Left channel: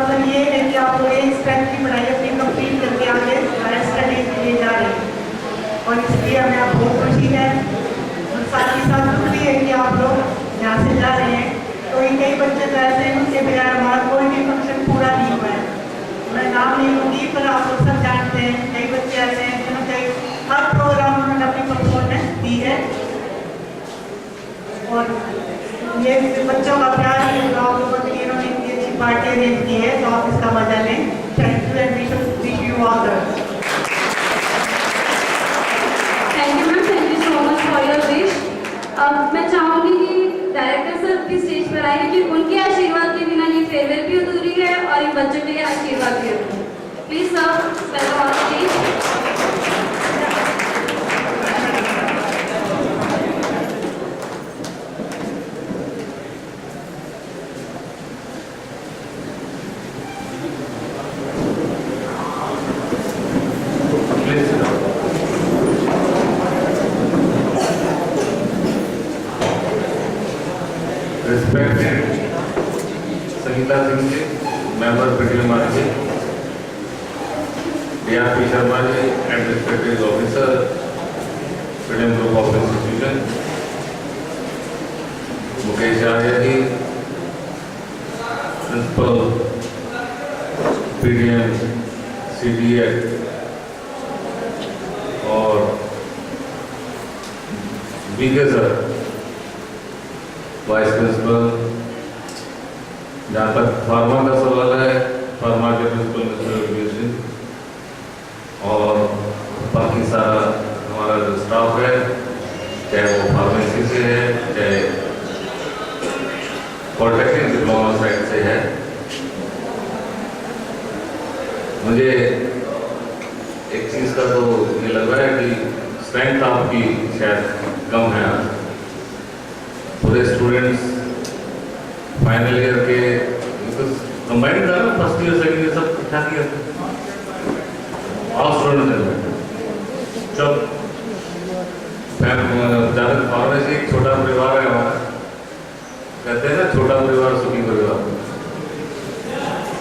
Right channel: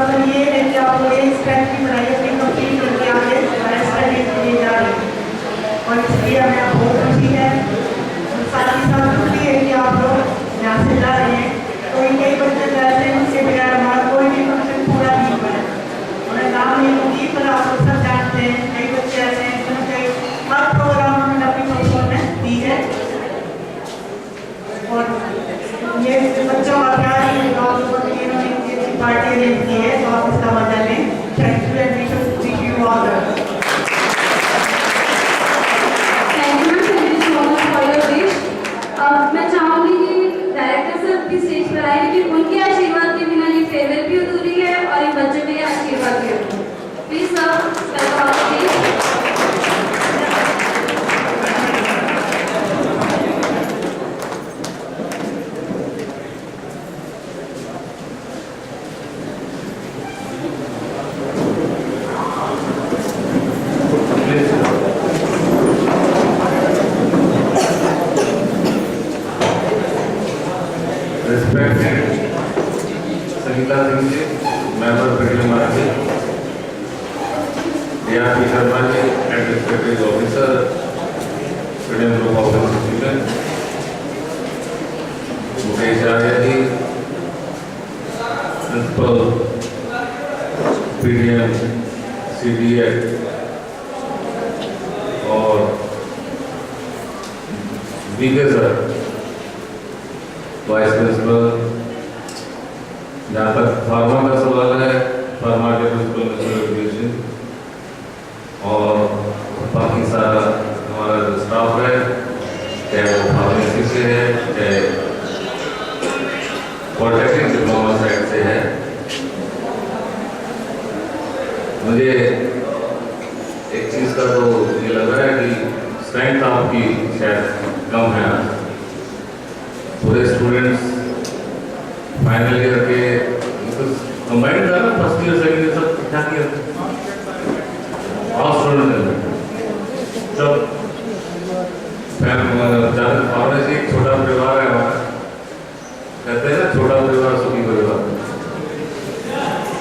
मतलब ये है कि आप लोग एक स्ट्रेंथ की पढ़ाई अपनी कंप्लीट करके आगे हायर स्टडीज के लिए जा रहे हैं और इसलिए हमें बहुत खुशी है। और साथ ही साथ दुख भी है कि आप लोग यहाँ से जा रहे हैं। तो कई बच्चे तो ऐसे हैं उनके बगैर हमारा कोई भी फंक्शन पूरा नहीं हुआ है। मैं नाम नहीं लूँगी पर आप लोग सब जानते हैं कई बच्चे ऐसे हैं जिन्होंने हर प्रोग्राम उन्होंने अपनी परफॉर्मेंस दी है और ये बच्चों का प्यार ही होगा आप लोगों के लिए इन्होंने इतनी अच्छी पार्टी अरेंज की है तो आप इसका मजा लें। Thank you and wish you all the best. Thank you ma'am, thank you so much for your wish. मैं चाहूँगी कि डायरेक्टर सर भी स्टेज पर आए लेकिन उनके आशीर्वाद के बिना ये फेयरवेल भी अधूरी है और इन बच्चों के आशीर्वाद भी अधूरी है। Please sir welcome on stage. Respected Sangeeta Singh ji, member Pradip Market, DRP Sharma ji, and respected officer, Freedom Group of Institution, Mukesh Arya ji, Principal, PDM, CDA, और BK sir, वाइस प्रिंसिपल। जहाँ तक pharma का सवाल है, pharma के principal mister education और बाकी सारा हमारा जो स्टाफ है, चाहे वो फार्मेसी से है, चाहे पॉलिटेक्निक डिप्लोमा साइड से है। मुझे एक चीज़ का तो ये लग रहा है कि स्ट्रेंथ आपकी शायद कम है। पूरे स्टूडेंट्स फाइनल ईयर के कंबाइंड कर रहे, फर्स्ट ईयर सेकेंड ईयर सब क्या किया ऑल स्टूडेंट सब ज़्यादा फार्मेसी एक छोटा परिवार है हमारा, कहते हैं ना छोटा परिवार सुखी परिवार,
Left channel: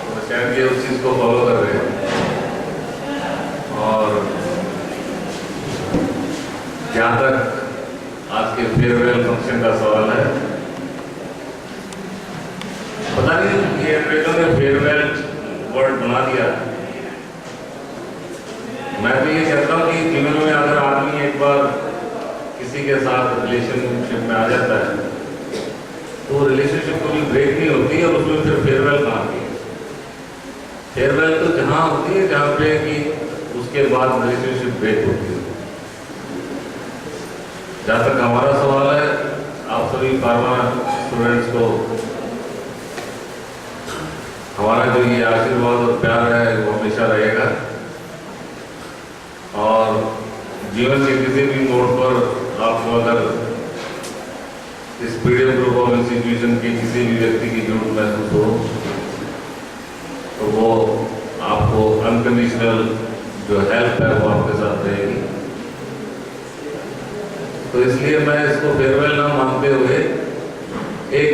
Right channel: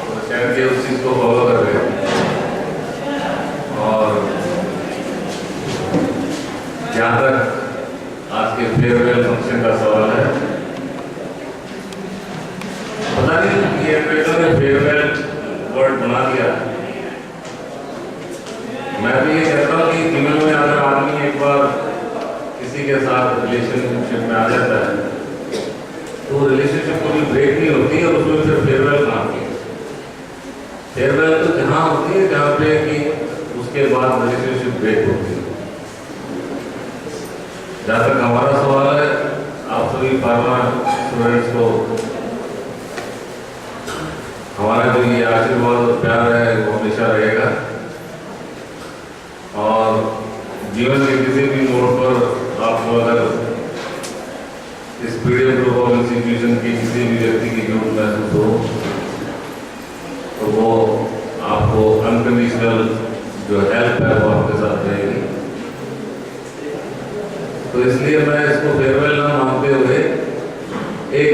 तो शायद ये उस चीज़ को फॉलो कर रहे हैं। और जहाँ तक आज के फेयरवेल फंक्शन का सवाल है, पता नहीं ये एडवेटर ने फेयरवेल वर्ड बना दिया। मैं तो ये कहता हूँ कि जीवन में अगर आदमी एक बार किसी के साथ रिलेशनशिप में आ जाता है तो रिलेशनशिप कभी ब्रेक नहीं होती और उसमें फिर फेयरवेल कहाँ की। फेयरवेल तो जहाँ होती है जहाँ पे कि उसके बाद रिलेशनशिप ब्रेक होती है। जहाँ तक हमारा सवाल है, आप सभी फार्मा स्टूडेंट्स को हमारा जो ये आशीर्वाद और प्यार है वो हमेशा रहेगा और जीवन के किसी भी मोड़ पर आपको अगर इस पीडीएम ग्रुप ऑफ इंस्टीट्यूशन के किसी भी व्यक्ति की जरूरत महसूस हो तो वो आपको अनकंडीशनल जो हेल्प है वो आपके साथ रहेगी। तो इसलिए मैं इसको फेयरवेल ना मानते हुए एक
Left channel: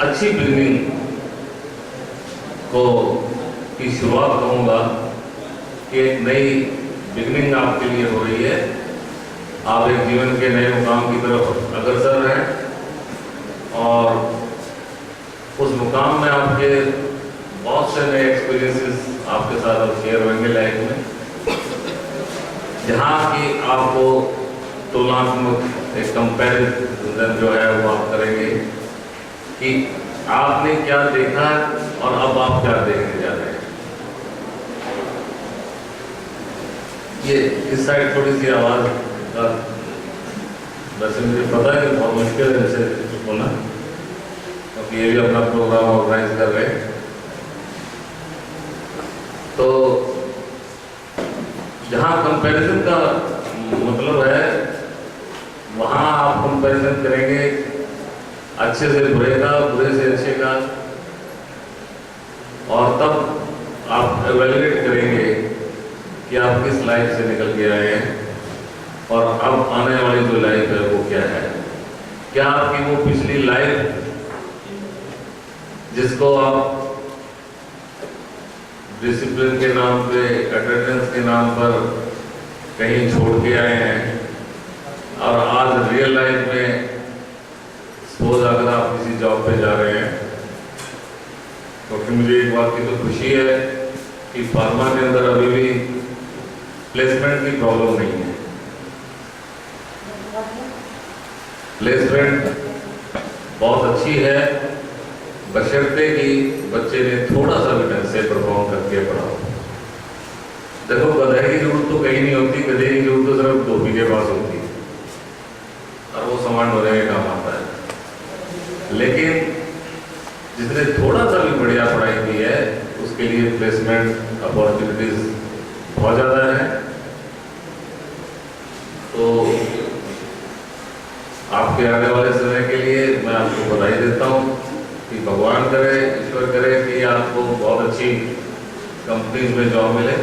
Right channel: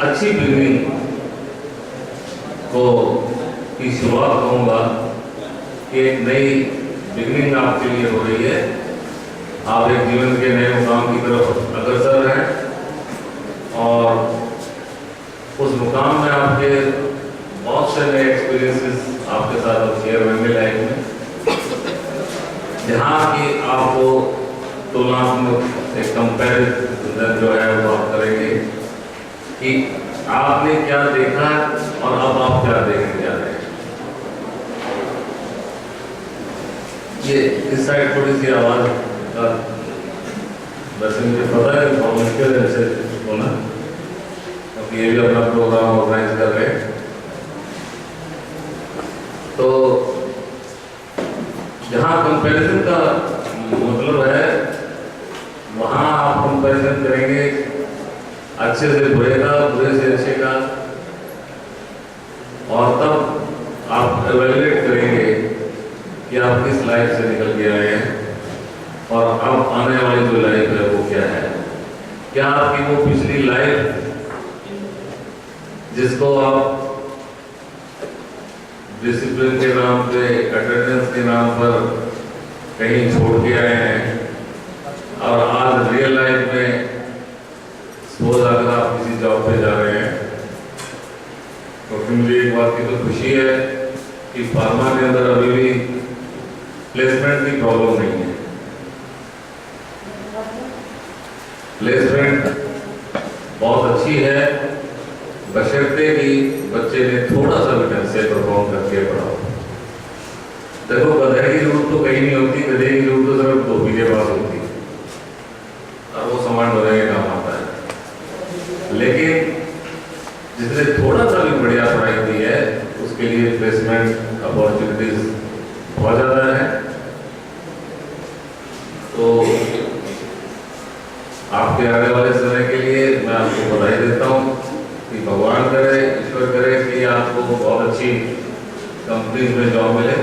अच्छी बिगनिंग को की शुरुआत कहूँगा कि एक नई बिगनिंग आपके लिए हो रही है। आप एक जीवन के नए मुकाम की तरफ अग्रसर हैं और उस मुकाम में आपके बहुत से नए एक्सपीरियंसेस आपके साथ शेयर होंगे लाइफ में, जहाँ की आपको तुलनात्मक एक कंपैरिजन जो है वो आप करेंगे कि आपने क्या देखा और अब आप क्या देखने जा रहे हैं। ये इस साइड थोड़ी सी आवाज का वैसे मुझे पता है बहुत मुश्किल है ऐसे होना, क्योंकि ये भी अपना प्रोग्राम ऑर्गेनाइज कर रहे हैं। तो जहाँ कंपैरिजन का मतलब है वहाँ आप कंपैरिजन करेंगे अच्छे से बुरे का, बुरे से अच्छे का, और तब आप एवेल्युएट करेंगे कि आप किस लाइफ से निकल के आए हैं और अब आने वाली जो लाइफ है वो क्या है। क्या आपकी वो पिछली लाइफ जिसको आप डिसिप्लिन के नाम पे, अटेंडेंस के नाम पर कहीं छोड़ के आए हैं, और आज रियल लाइफ में सपोज अगर आप किसी जॉब पे जा रहे हैं, क्योंकि मुझे एक बात की तो खुशी है कि फार्मा के अंदर अभी भी प्लेसमेंट की प्रॉब्लम नहीं है। प्लेसमेंट बहुत अच्छी है, बशर्ते कि बच्चे ने थोड़ा सा भी ढंग से परफॉर्म करके पढ़ाओ। देखो, गधे की जरूरत तो कहीं नहीं होती, गधे की जरूरत तो सिर्फ धोबी के पास होती है, और वो सामान ढोने का काम आता है। लेकिन जिसने थोड़ा सा भी बढ़िया पढ़ाई की है, उसके लिए प्लेसमेंट अपॉर्चुनिटीज बहुत ज़्यादा है। तो आपके आने वाले समय के लिए मैं आपको बधाई देता हूँ कि भगवान करे, ईश्वर करे कि आपको बहुत अच्छी कंपनीज में जॉब मिले।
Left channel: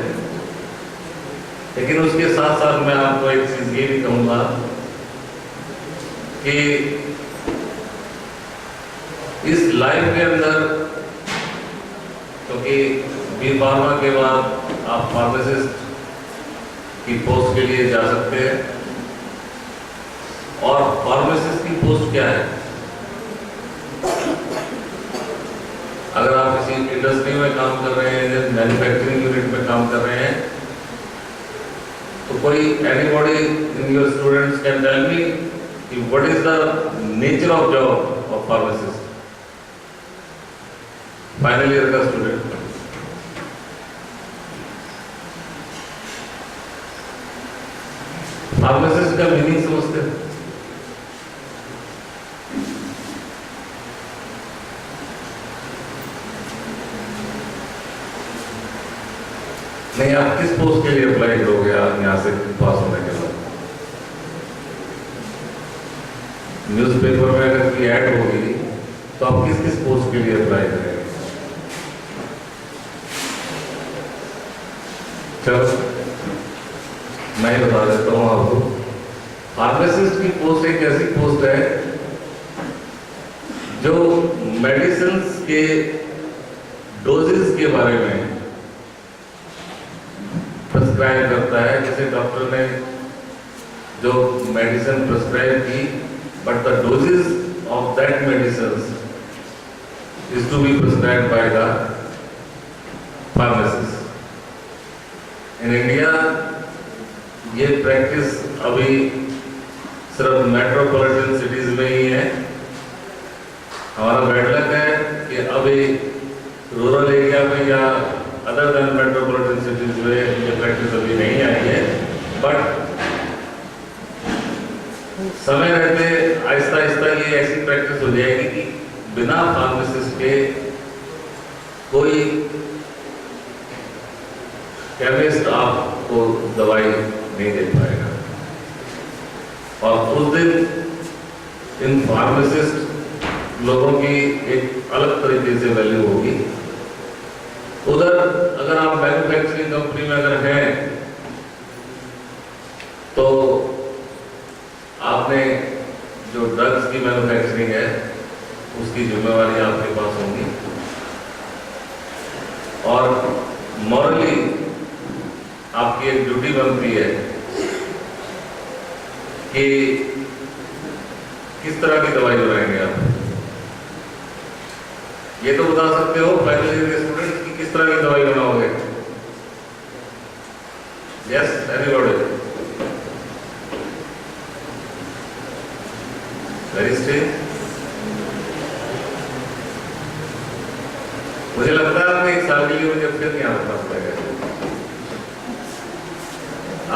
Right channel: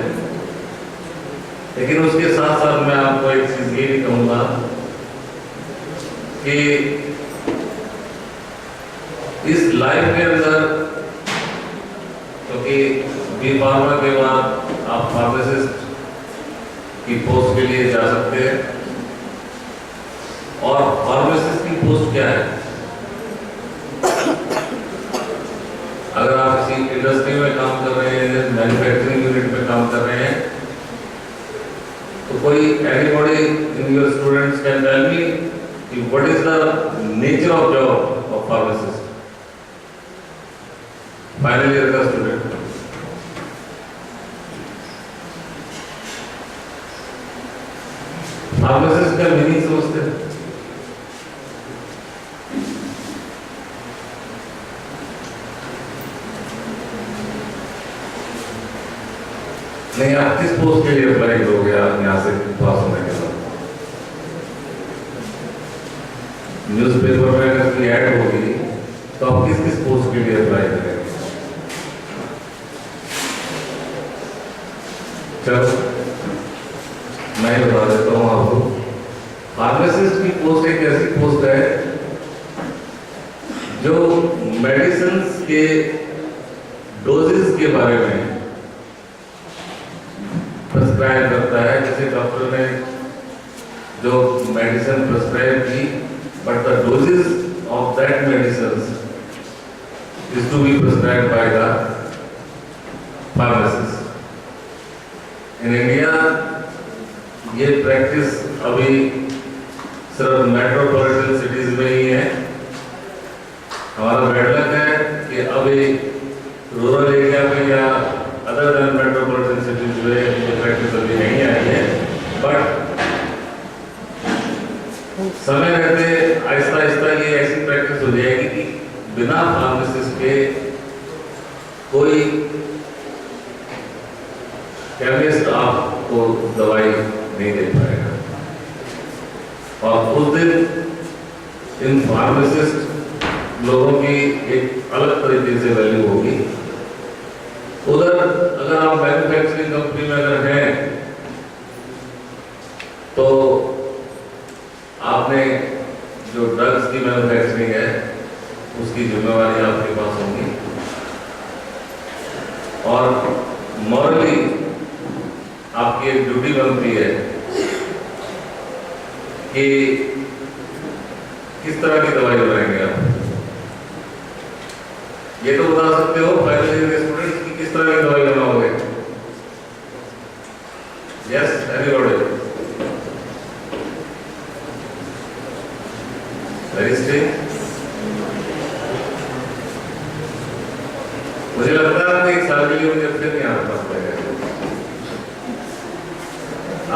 लेकिन उसके साथ साथ मैं आपको एक चीज़ ये भी कहूँगा कि इस लाइफ के अंदर, क्योंकि बी फार्मा के बाद आप फार्मासिस्ट की पोस्ट के लिए जा सकते हैं, और फार्मासिस्ट की पोस्ट क्या है? अगर आप किसी इंडस्ट्री में काम कर रहे हैं, मैन्युफैक्चरिंग यूनिट में काम कर रहे हैं, तो कोई anybody in your students can tell me कि what is the nature of job of pharmacist? Final year का स्टूडेंट फार्मासिस्ट का मीनिंग समझते हैं? नहीं, आप किस पोस्ट के लिए अप्लाई करोगे आप यहाँ से पास होने के बाद? न्यूज़पेपर में अगर कोई ऐड होगी तो आप किस किस पोस्ट के लिए अप्लाई करेंगे? चलो मैं बता देता हूँ आपको। फार्मासिस्ट की पोस्ट एक ऐसी पोस्ट है जो मेडिसिन के डोजेस के बारे में प्रिस्क्राइब करता है। जैसे डॉक्टर ने जो मेडिसिन प्रिस्क्राइब की, but the doses of that medicine is to be prescribed by the pharmacist. In India ये प्रैक्टिस अभी सिर्फ मेट्रोपॉलिटन सिटीज में ही है। हमारा बैड लक है कि अभी रूरल एरिया में या अदर देन मेट्रोपॉलिटन सिटीज में ये प्रैक्टिस अभी नहीं आई है, बट समय रहते आहिस्ता आहिस्ता ये ऐसी प्रैक्टिस हो जाएगी कि बिना फार्मासिस्ट के कोई केमिस्ट आपको दवाई नहीं दे पाएगा। और उस दिन इन फार्मासिस्ट लोगों की एक अलग तरीके से वैल्यू होगी। उधर अगर आप मैन्युफैक्चरिंग कंपनी में अगर हैं तो आपने जो ड्रग्स की मैन्युफैक्चरिंग है उसकी जिम्मेवारी आपके पास होगी, और मॉरली आपकी एक ड्यूटी बनती है कि किस तरह की दवाई बनाएंगे आप। ये तो बता सकते हो फाइनल ईयर के स्टूडेंट्स की किस तरह की दवाई बनाओगे? Yes, anybody? Very strange. मुझे लगता है आपने एक साल के लिए मुझे फिर नहीं आना पड़ेगा।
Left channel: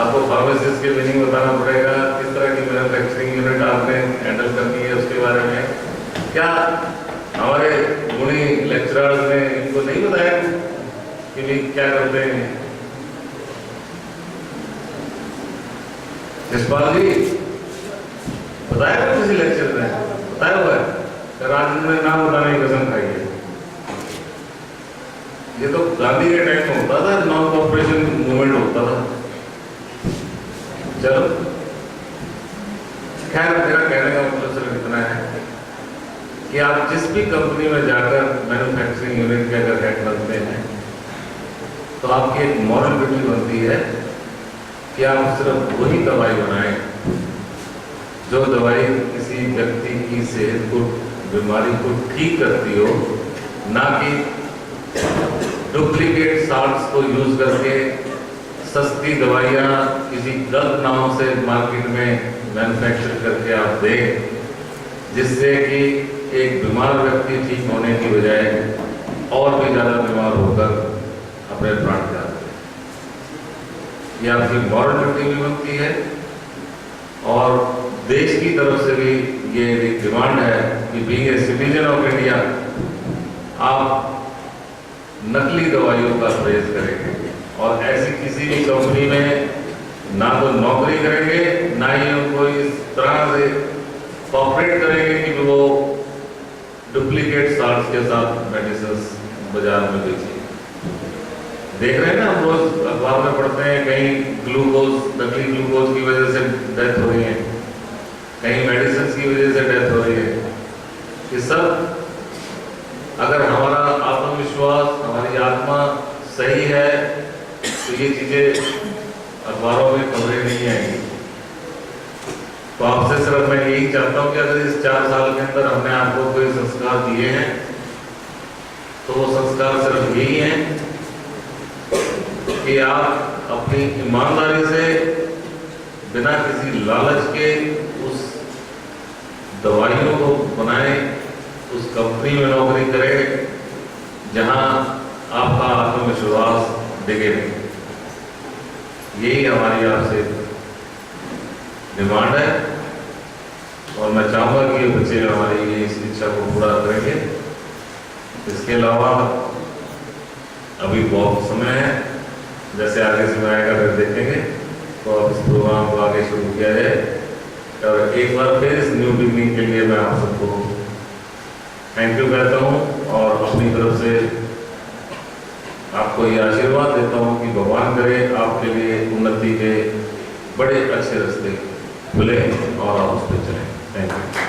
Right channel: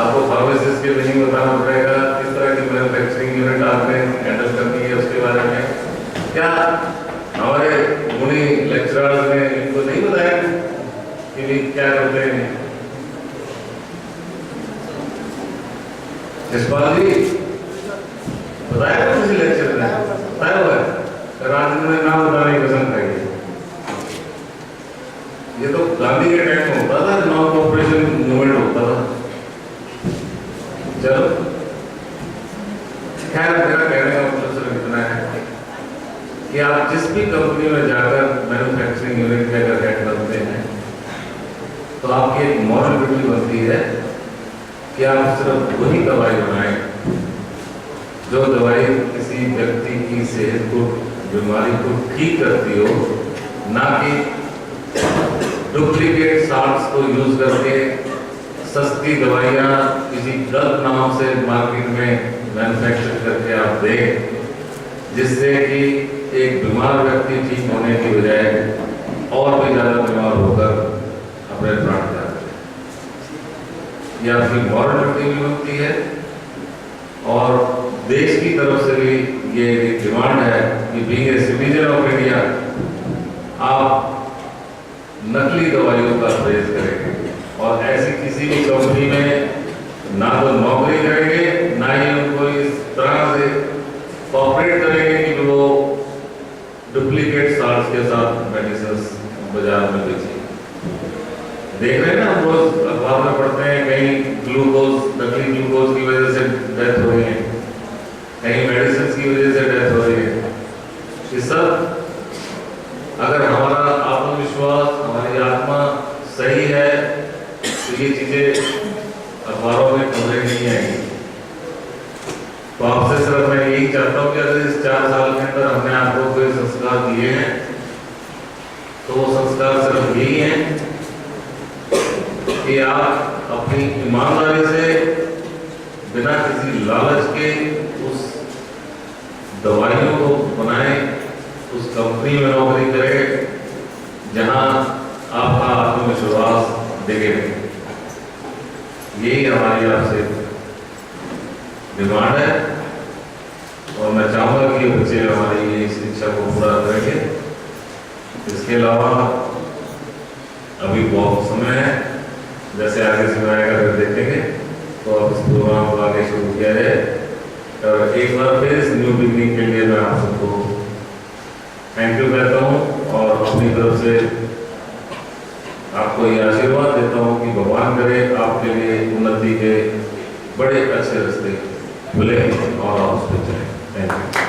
आपको फार्मासिस्ट के मीनिंग बताना पड़ेगा, किस तरह की मैन्युफैक्चरिंग यूनिट आपने हैंडल करनी है उसके बारे में। क्या हमारे गुणी लेक्चरर्स ने इनको नहीं बताया कि भी क्या करते हैं? यशपाल जी बताया था किसी लेक्चर में? बताया हुआ है? राज में नाम बताने की कसम खाई है। ये तो गांधी के टाइम में होता था, नॉन कॉर्पोरेशन मूवमेंट होता था। चलो खैर, मेरा कहने का मतलब सिर्फ इतना है कि आप जिस भी कंपनी में जाकर मैन्युफैक्चरिंग यूनिट के अगर हेड बनते हैं तो आपकी एक मॉरल ड्यूटी बनती है कि आप सिर्फ वही दवाई बनाएं जो दवाई किसी व्यक्ति की सेहत को, बीमारी को ठीक करती हो, ना कि डुप्लीकेट साल्ट्स को यूज करके सस्ती दवाइयाँ किसी गलत नाम से मार्केट में मैन्युफैक्चर करके आप दें, जिससे कि एक बीमार व्यक्ति ठीक होने की बजाय और भी ज़्यादा बीमार होकर अपने प्राण त्यागते हैं। यह आपकी मॉरल ड्यूटी भी बनती है और देश की तरफ से भी ये एक डिमांड है कि being a citizen of India आप नकली दवाइयों का परहेज करेंगे और ऐसी किसी भी कंपनी में ना तो नौकरी करेंगे, ना ही उनको इस तरह से कॉपरेट करेंगे कि वो डुप्लीकेट साल्ट्स के साथ मेडिसिन बाजार में बेचेंगे। देख रहे हैं ना, हम रोज अखबार में पढ़ते हैं कहीं ग्लूकोज, नकली ग्लूकोज की वजह से डेथ हो रही है, कहीं मेडिसिन की वजह से डेथ हो रही है। ये सब अगर हमारा आत्मविश्वास, हमारी आत्मा सही है तो ये चीजें अखबारों में खबरें नहीं आएंगी। तो आपसे सिर्फ मैं यही चाहता हूँ कि अगर इस 4 साल के अंदर हमने आपको कोई संस्कार दिए हैं तो वो संस्कार सिर्फ यही है कि आप अपनी ईमानदारी से, बिना किसी लालच के उस दवाइयों को बनाएं, उस कंपनी में नौकरी करें जहां आपका आत्मविश्वास डिगे। यही हमारी आपसे डिमांड है और मैं चाहूँगा कि ये बच्चे हमारी इस इच्छा को पूरा करेंगे। इसके अलावा अभी बहुत समय है, जैसे आगे समय आएगा फिर देखेंगे, तो अब इस प्रोग्राम को आगे शुरू किया जाए। और एक बार फिर इस न्यू बिगनिंग के लिए मैं आप सबको थैंक यू कहता हूँ और अपनी तरफ से आपको ये आशीर्वाद देता हूँ कि भगवान करे आपके लिए उन्नति के बड़े अच्छे रास्ते मिले और आप उस पर चलें। Thank you.